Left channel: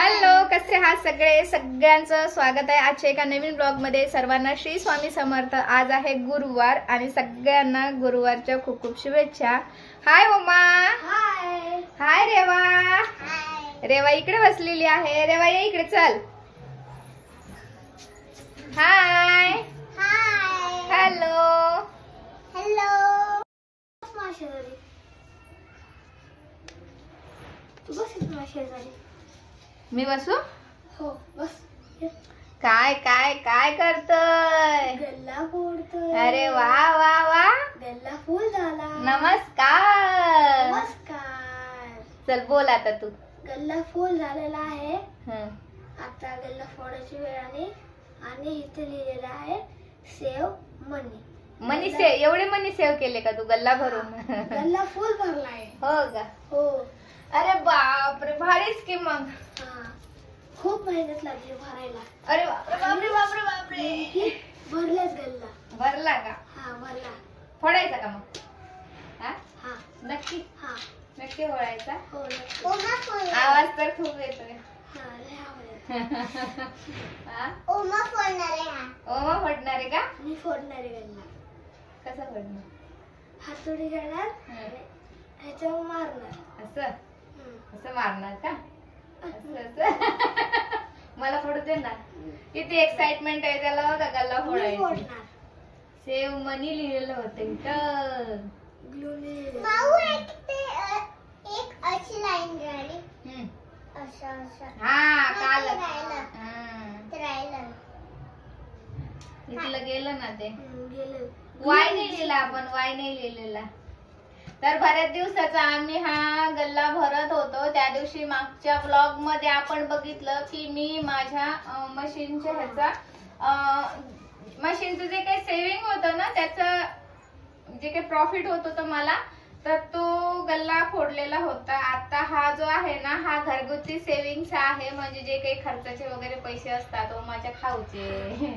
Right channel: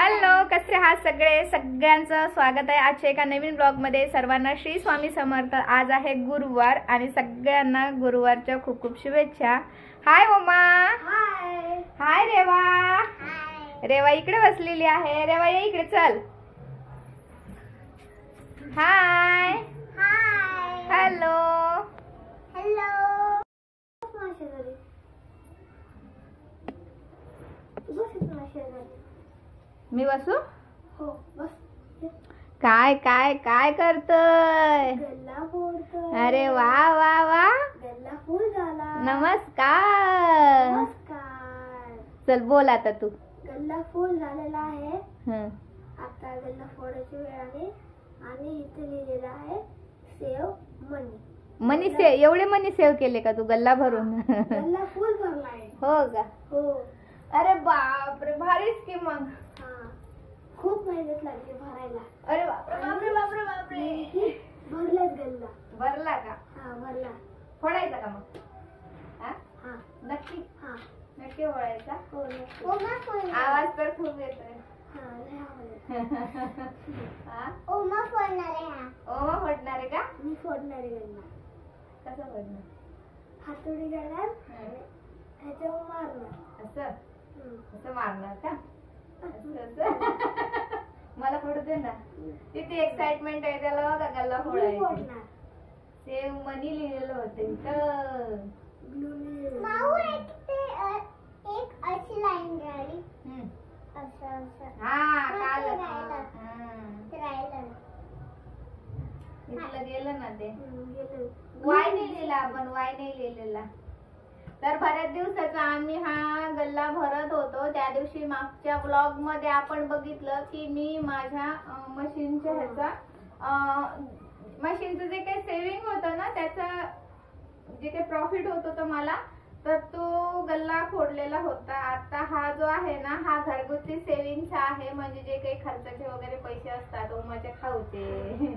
Hello, कसे आहात सगळे? सगळ्यांचं स्वागत आहे आजच्या एका नवीन ब्लॉग मध्ये. सर्वांना श्री स्वामी समर्थ. आज आहे गुरुवार आणि सगळ्यांना गुरुवारच्या खूप खूप शुभेच्छा. हाय ओमा. हाय. हाय रेवा. रेवा इकडे बसलेली आहे. रेवा ये इकडे, चल. हाय. हाय. हॅलो. हॅलो. तू बस इथे माझ्या शेजारी. मी बसू? हो बस. काय काय काय करतोय? गल्ला फोडतोय. अरे वा वा वा. गल्ला फुल झाला. नमस्कार. नमस्कार. चल बोल आता तू. गल्ला फुल झालेला आहे. हं. आता गल्ला फोडायची वेळ आली आणि इथे लिहिलेलं आहे सेव मनी. मनी सेव. एवढे मनी सेव केले का तू गल्ला भरून? गल्ला फुल भरलाय. हो का? हो. अरे बापरे, भारीच की मग. हा, खूप मेहनत लागली भरायला. अरे बापरे बापरे बापरे बापरे. भरलाच गल्ला. भरला का? हा भरला. फोडायचा का मग? हा? हा. नक्की हा. नक्की फोडायचा. हो नक्की. आवाज तर खूप येतोय. हा लय आवडत. हा? ओमा फोडणार आहे. हा ओमा फोडणार आहे का? मी फोडणार आहे गल्ला. कसं फोडणार? हातोडी घेणार हं. आणि ह्याच्यावर मारणार. असं हम्म. असं मारणार का? असं असं. मला फोडू दे ना. किती एक्साइटमेंट आहे त्याला बघा गल्ला मी फोडायची. फोडणार. सेव मनी लिहिलेलं होतं इथं. ग्लूने. एक अशी लाईन काढली. हम्म. असं हा काल राहिलं. हा. इथलं गेलं ना ते. गेलं. वाय नाही लिहिला आपण. वाय नाही लिहिलेला. तर बऱ्याच दिवसाचा आम्ही हा गल्ला भरत होतो. त्या दिवशी मागच्या ब्लॉग मध्ये आपण बघितलं की मी माझ्या मशीनच्या ह्याचा मशीनचं जे काही सेव्हिंग होतं ना, त्याचं जे काही प्रॉफिट होत होतं मला, तर तो गल्ला फोडलेला होता. आता हा जो आहे ना, हा घरगुती सेव्हिंगचा आहे. म्हणजे जे काही खर्चाचे वगैरे पैसे असतात ओमाच्या खाऊचे,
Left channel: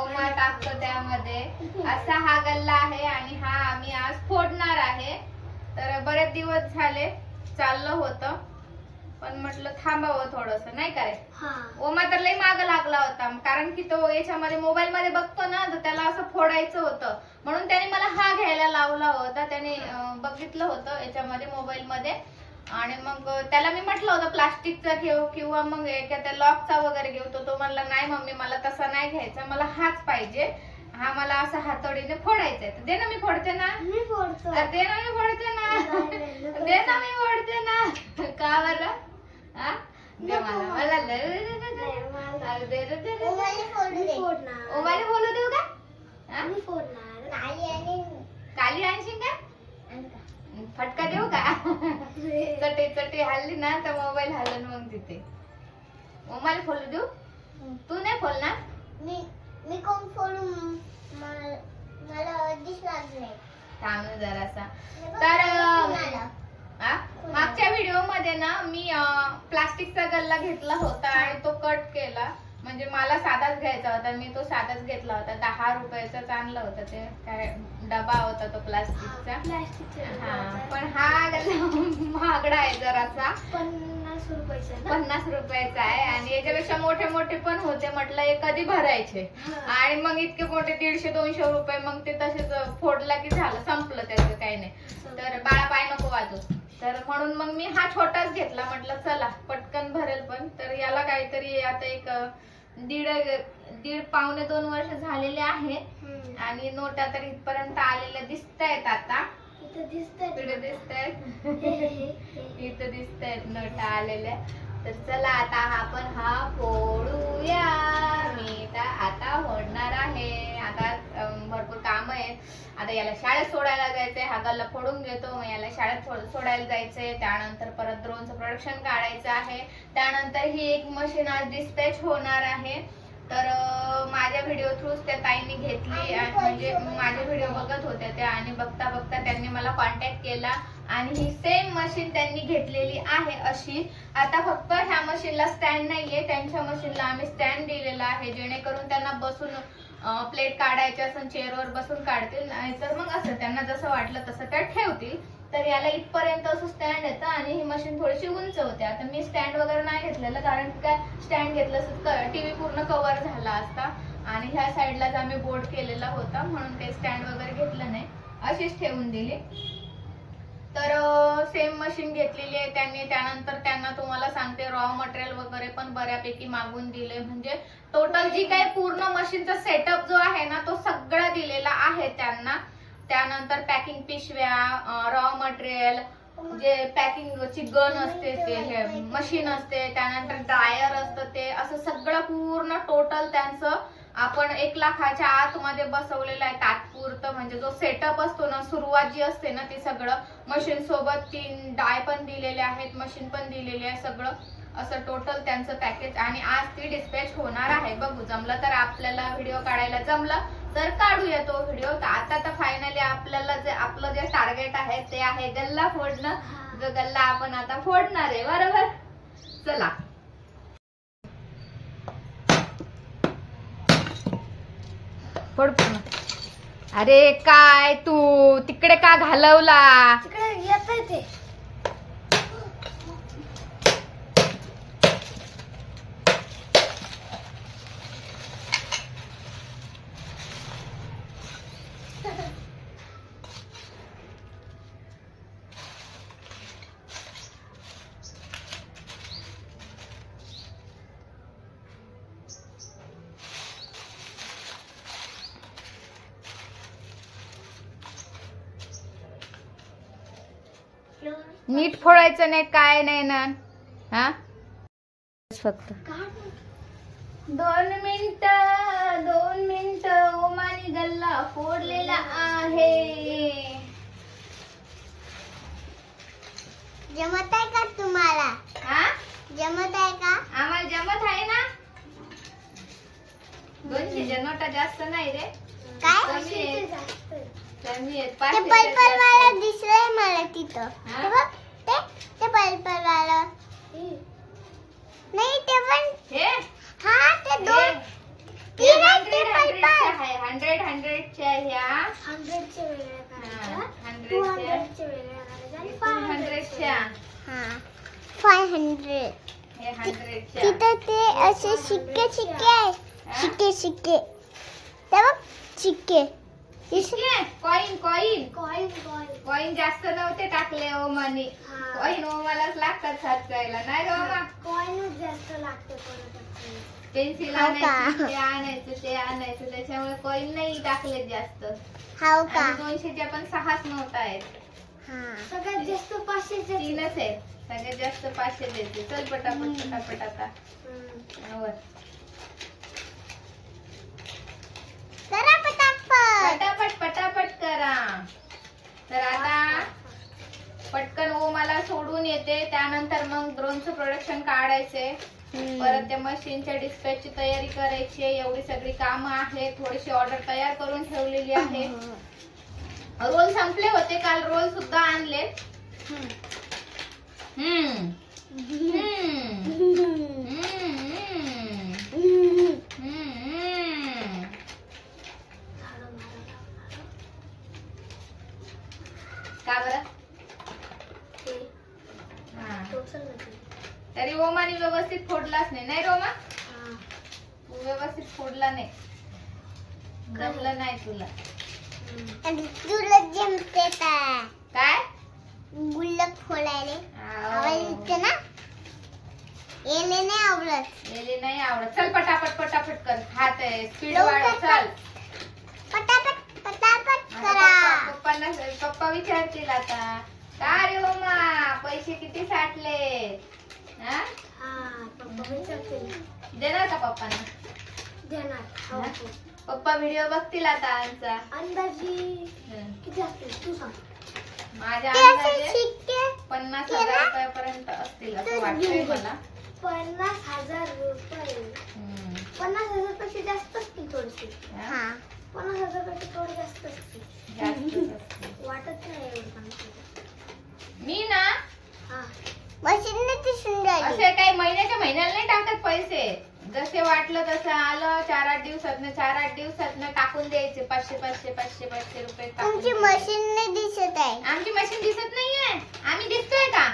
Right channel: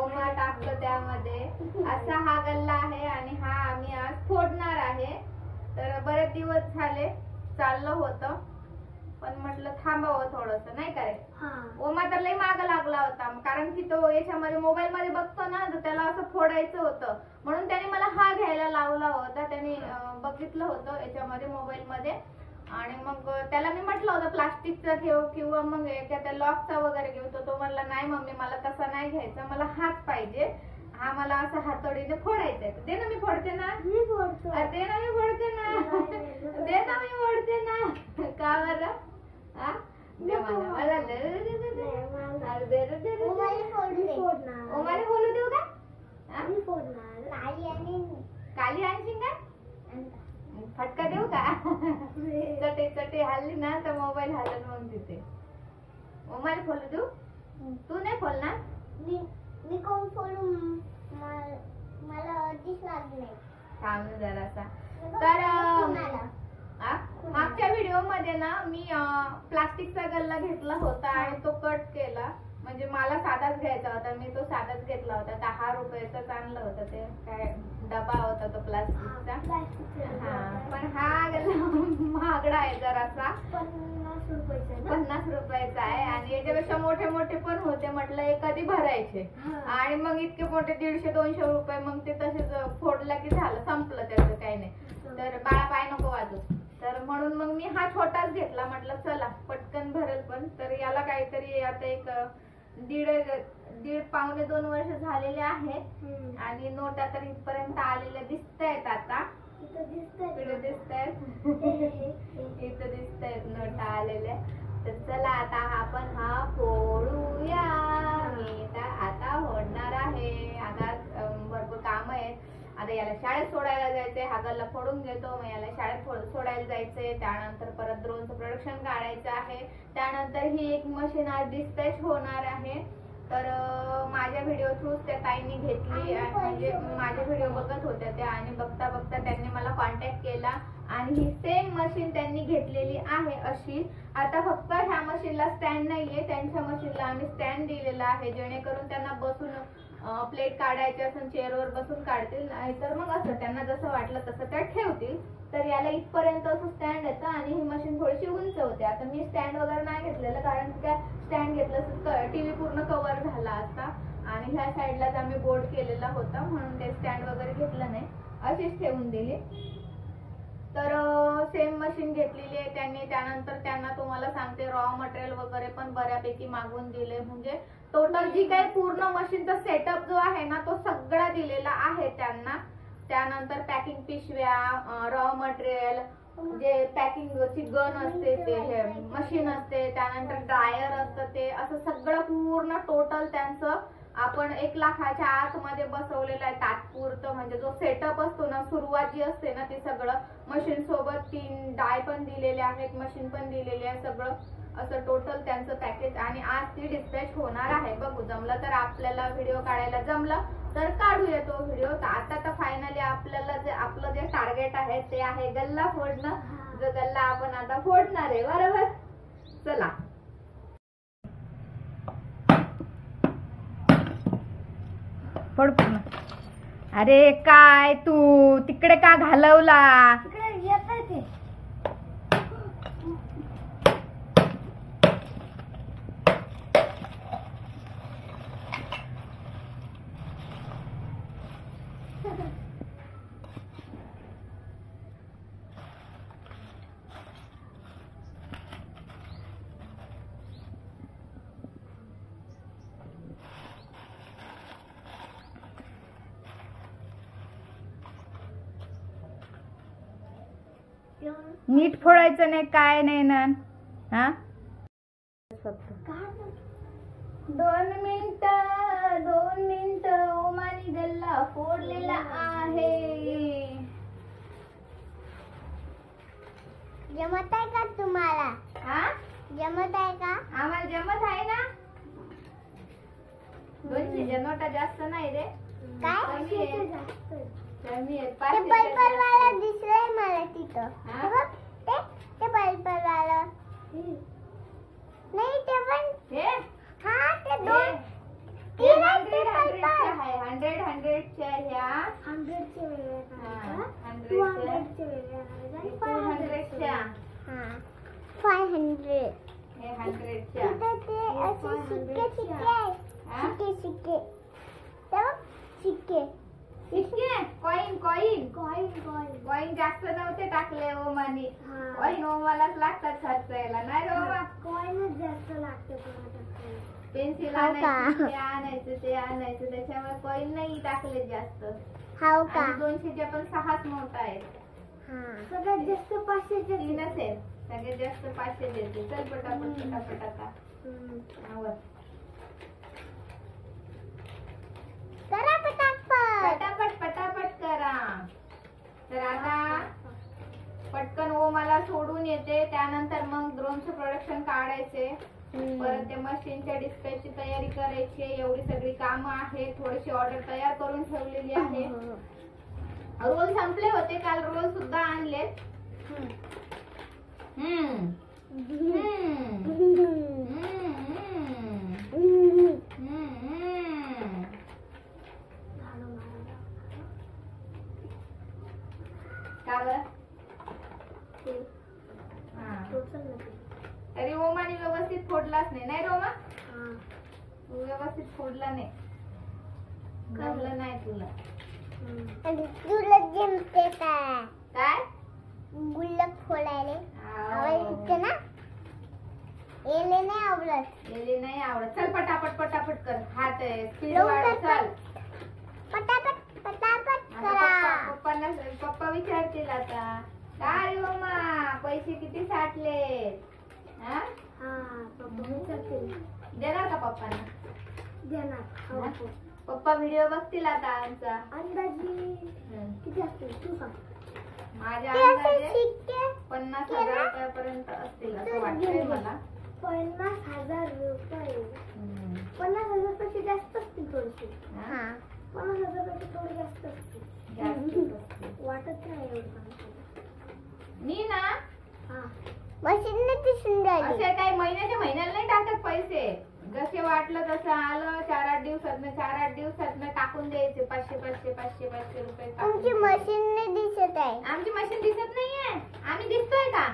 ओमा टाकतो त्यामध्ये, असा हा गल्ला आहे. आणि हा आम्ही आज फोडणार आहे. तर बरेच दिवस झाले चाललं होतं, पण म्हटलं थांबावं थोडस, नाही का रे? हा. ओमा तर लय माग लागला होता, कारण की तो याच्यामध्ये मोबाईल मध्ये बघतो ना, तर त्याला असं फोडायचं होतं. म्हणून त्याने मला हा घ्यायला लावला होता. त्याने बघितलं होतं याच्यामध्ये मोबाईल मध्ये. आणि मग त्याला मी म्हटलं होतं प्लास्टिकचा घेऊ किंवा मग एखाद्या लॉकचा वगैरे घेऊ. तो म्हणला नाही मम्मी, मला तसा नाही घ्यायचा, मला हाच पाहिजे. हा मला असं हातोडीने फोडायचंय. तर दे ना, मी फोडते ना. मी फोडतो. दे ना, मी फोडते ना. दे ना, मी फोडते ना. का बरं? हा? दे मला. मला दे. अरे दे रे, दे रे. ओमाला बोलू देऊ का? हा? मी फोडणार. काली आणशील का? फटका देऊ का? चटे चटे हल्ली ना तर मोबाईल हलन मग तिथे. ओमाला फोडू देऊ? तू नाही फोडणार? मी कोण फोडू? मला आधीच लागले. थांब ना जरासा. तर मागच्या व्हिडिओ मध्ये ना मी प्लास्टिकचा गल्ला घेतला होता आणि तो कट केला. म्हणजे मला साधाच घ्यायचा होता, मी तो साधाच घेतला होता. 10 रुपयाचाच आणला होता. ते काय डबा होता तो प्लास्टिकचा. हा, पण हा गल्ला महागडा आहे जरासा. 50 रुपयाचा. 50 रुपयाचा आहे. आणि याच्यापेक्षा मोठे मोठे पण होते. म्हटलं हे कधी भरायचे. आणि मग इतके मोठे 150-200 रुपये. मग ते तसेच फोडला की झालं, संपलं त्याचं काही नाही. तर बाळा पाय नको वाजू. तर म्हणून मग मी हा छोटाच घेतला. म्हटलं चला पटकन भरेल पण. तर याला काहीतरी आता एक दीड पावणे 2 वर्ष झालेले आहे. आणि नोटा तर इथपर्यंत आलेल्या दिसतायत. आता इथं दिसतायत, इथं दिसतायत नोटा आलेल्या. तर चला आता आपण हा फोडूया. मी आता फोडणार आहे. आता भरपूर काम आहेत. आता याला शाळेत सोडायला जायचंय. हा गल्ला फोडून घेतो, मग याला शाळेत सोडायला जायचंय. त्यानंतर परत ड्रोनचं प्रोडक्शन काढायचं आहे. त्यानंतर ही एक मशीन आज डिस्पॅच होणार आहे. तर माझ्या व्हिडिओ थ्रू त्या ताईंनी घेतली. म्हणजे माझे व्हिडिओ बघत होत्या त्या, आणि बघता बघता त्यांनी मला कॉन्टॅक्ट केला आणि ही सेम मशीन त्यांनी घेतलेली आहे अशी. आता फक्त ह्या मशीनला स्टँड नाहीये. त्यांच्या मशीनला आम्ही स्टँड दिलेला आहे, जेणेकरून त्यांना बसून प्लेट काढायचे असेल चेअरवर बसून काढतील. नाहीतर मग असं त्यांना जसं वाटलं तसं त्या ठेवतील. तर याला इथपर्यंत असं स्टँड येतं आणि ही मशीन थोडीशी उंच होते. आता मी स्टँड वगैरे नाही घेतलं घेतलेलं, कारण की काय स्टँड घेतलं तर टीव्ही पूर्ण कव्हर झाला असता आणि ह्या साईडलाच आम्ही बोर्ड केलेला होता, म्हणून काही स्टँड वगैरे घेतलं नाही, अशीच ठेवून दिली. तर सेम मशीन घेतलेली आहे त्यांनी. त्यानंतर त्यांना तुम्हाला सांगते रॉ मटेरियल वगैरे पण बऱ्यापैकी मागून दिले, म्हणजे टोटल जी काही पूर्ण मशीनचा सेटअप जो आहे ना तो सगळा दिलेला आहे त्यांना. त्यानंतर पॅकिंग पिशव्या, रॉ मटेरियल, जे पॅकिंगची गन असते ते हे मशीन असते, त्यानंतर ड्रायर असतं ते, असं सगळं पूर्ण टोटल त्यांचं आपण 1 लाखाच्या आतमध्ये बसवलेलं आहे तात्पुरतं. म्हणजे जो सेटअप असतो ना, सुरुवात जी असते ना, ती सगळं मशीन सोबत 3 डाय पण दिलेले आहेत, मशीन पण दिलेली आहे, सगळं असं टोटल त्यांचं पॅकेज. आणि आज ती डिस्पॅच होणार आहे. बघू, जमलं तर आपल्याला व्हिडिओ काढायला जमलं तर काढूया तो व्हिडिओ. आता तर फायनली आपल्याला जे आपलं जे टार्गेट आहे ते आहे गल्ला फोडणं. जो गल्ला आपण आता फोडणार आहे, बरोबर. चला फोड पूर्ण. अरे काय तू तिकडे का घालवला? तिकडे येतंय ते. नीट फोडायचं नाही, काय नाही ना. हा फक्त 2 मिनिट ओमानी गल्ला फोडलेला आहे. जमत आहे का तुम्हाला? हा जमत आहे का? आम्हाला जमत आहे ना. 200 नोटा जास्त नाही रे, काय? कमी आहेत. ते पर्पल वाला दिसलंय मला तिथं. हा? ते बघ, ते पर्पल वाला. नाही ते पण हे हा ते दोन. हे 100च्या ह्या 100चे वेगळे हा, करायचे, 100च्या 200चे वेगळे करायचे आणि 500च्या. हा 500. हे 100च्या. तिथं ते असे शिक्के आहे. हा? शिक्के ते बघ, शिक्के. कॉइन जास्त नव्हते टाकले ओमानी. हा. कॉइन ओमालाच लागतात साचायला, नाही रे ओमा. कॉइनच जास्त लागते कोणाला. पेन्सिल हो का? आणायचं ते आणायचं, त्याच्यामुळे कॉइन नाही टाकले जास्त. हाव का? आणि 200च्या पण 6च नोट आहेत. सगळ्यात जास्त 500चे 3च आहेत. सगळ्यात जास्त 500 देते. चल पटापट आता. वर. करा पटापट करा. तर आता पटकन ओमाला सोडून येते, त्यानंतर मग ड्रोनचं प्रोडक्शन काढायचे, परत त्या मशीनच्या डिस्पॅचची तयारी करायची. एवढी सगळी कामं आहेत. थोडीशी ऑर्डर तयार करून ठेवलेली आहे. रोल संपले होते काल, रोल सुद्धा आणले. का बरं? तरी ओमानी व्यवस्थित फोडलाच नाही रोमा. तू व्यवस्थित फोडला नाही, जमलं नाही तुला. तुला जमते का काय गुल्लक फोडायला? आवडते ना? येले नाही आवडत. गेले नाही आवडत. चल पटापट कर. हात आहे स्पीड लवकर वाढव. चल पटापट आता करा. पप्पा विचारतील आता, का रे ओमा पैसे किती साठले? हा पप्पा विचारतील. देणार का पप्पांना? देणार. पप्पा व्हिडिओ बघतील आता आमचा. अंदाजी किती असतील तू सांग. माझ्या ते असे अंदाजे शिक्के 50,000 रुपयापर्यंत असतील असं वाटतंय मला. 50,000 रुपये. 50,000 पेक्षा जास्त असतील थोडीशी. 50,000 पेक्षा थोडी जास्त असतील. वाटत नाही एवढं. मी ना मशीनने दिसून राहिली. असे काही महिन्याला नाही टाकत पैसे. जसे वाटलं तसं आलं 4-8 दिवसातनं टाकून द्यायचे. 500 रुपये. तुमची मशीन नाही दिसत आहे. आमची मशीन दिसत नाहीये. आम्ही दिसतोय का?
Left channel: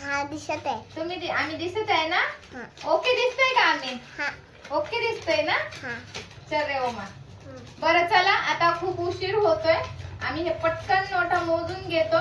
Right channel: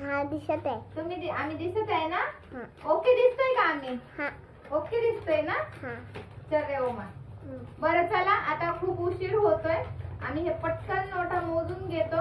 हा दिसत आहे. तुम्ही आम्ही दिसत आहे ना? हा. ओके दिसतोय का आम्ही? हा. ओके दिसतोय ना? हा. चल रे ओमा. बरं चला आता खूप उशीर होतोय. आम्ही हे पटकन नोटा मोजून घेतो